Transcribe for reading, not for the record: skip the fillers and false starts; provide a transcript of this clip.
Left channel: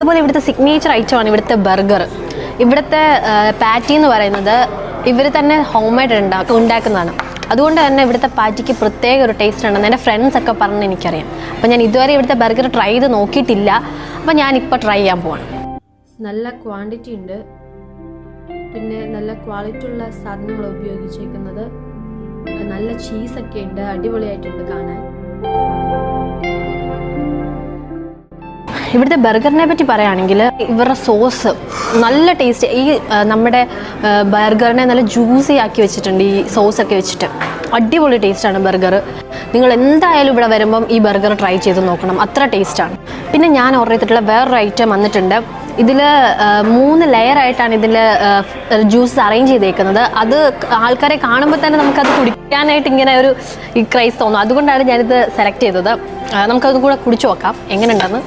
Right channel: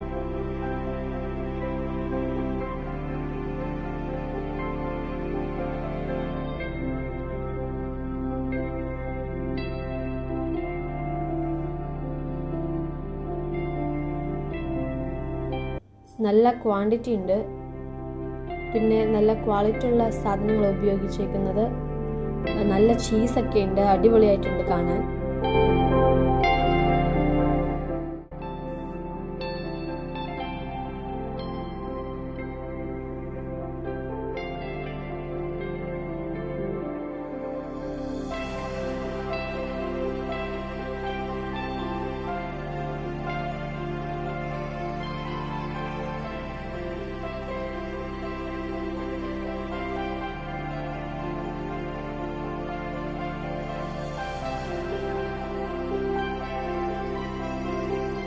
അതുപോലെ ഇവിടുത്തെ സിഗ്നേച്ചർ ഐറ്റമാണ് ഇവിടുത്തെ ബർഗർ. ഇവിടുത്തെ പാറ്റി എന്ന് പറയുന്നത് ഇവർ തന്നെ ഹോം മെയ്ഡ് ഉണ്ടാക്കുന്നതാണ്. അതുകൊണ്ട് തന്നെ ഇവിടുത്തെ പാറ്റിക്ക് പ്രത്യേക ഒരു ടേസ്റ്റ് ഉണ്ടെന്ന് എൻ്റെ ഫ്രണ്ട്സ് ഒക്കെ പറഞ്ഞ് എനിക്കറിയാം. അപ്പോൾ ഞാൻ ഇതുവരെ ഇവിടുത്തെ ബർഗർ ട്രൈ ചെയ്ത് നോക്കിയിട്ടില്ല. അപ്പോൾ ഞാനിപ്പോൾ ട്രൈ ചെയ്യാൻ പോവാണ്. നല്ല ക്വാണ്ടിറ്റി ഉണ്ട്, പിന്നെ നല്ല ക്വാളിറ്റി ഉള്ള സാധനങ്ങൾ ഉപയോഗിച്ചേക്കുന്നത്. നല്ല ചീസൊക്കെ ഉണ്ട്, അടിപൊളിയായിട്ടുണ്ട് കാണാൻ. ഇവിടുത്തെ ബർഗറിനെ പറ്റി പറയുകയാണെങ്കിൽ ഇവരുടെ സോസ് നല്ല ടേസ്റ്റ്. ഈ നമ്മുടെ ബർഗറിനെ നല്ല ജ്യൂസി ആക്കി വെച്ചിട്ടുണ്ട് ഈ സോസൊക്കെ വെച്ചിട്ട്. അടിപൊളി ടേസ്റ്റാണ് ബർഗർ. നിങ്ങൾ എന്തായാലും ഇവിടെ വരുമ്പം ഈ ബർഗർ ട്രൈ ചെയ്ത് നോക്കണം, അത്ര ടേസ്റ്റാണ്. പിന്നെ ഞാൻ ഓർഡർ ചെയ്തിട്ടുള്ള വേറൊരു ഐറ്റം വന്നിട്ടുണ്ട്. ഇതിൽ 3 ലെയറായിട്ടാണ് ഇതിൽ ജ്യൂസ് അറേഞ്ച് ചെയ്തേക്കുന്നത്. അത് ആൾക്കാരെ കാണുമ്പോൾ തന്നെ നമുക്കത് കുടിക്കാനായിട്ട് ഇങ്ങനെ ഒരു ക്രൈസ് തോന്നും. അതുകൊണ്ടാണ് ഞാനിത് സെലക്ട് ചെയ്തത്. നമുക്കത് കൂടെ കുടിച്ചു നോക്കാം എങ്ങനെയുണ്ടെന്ന്.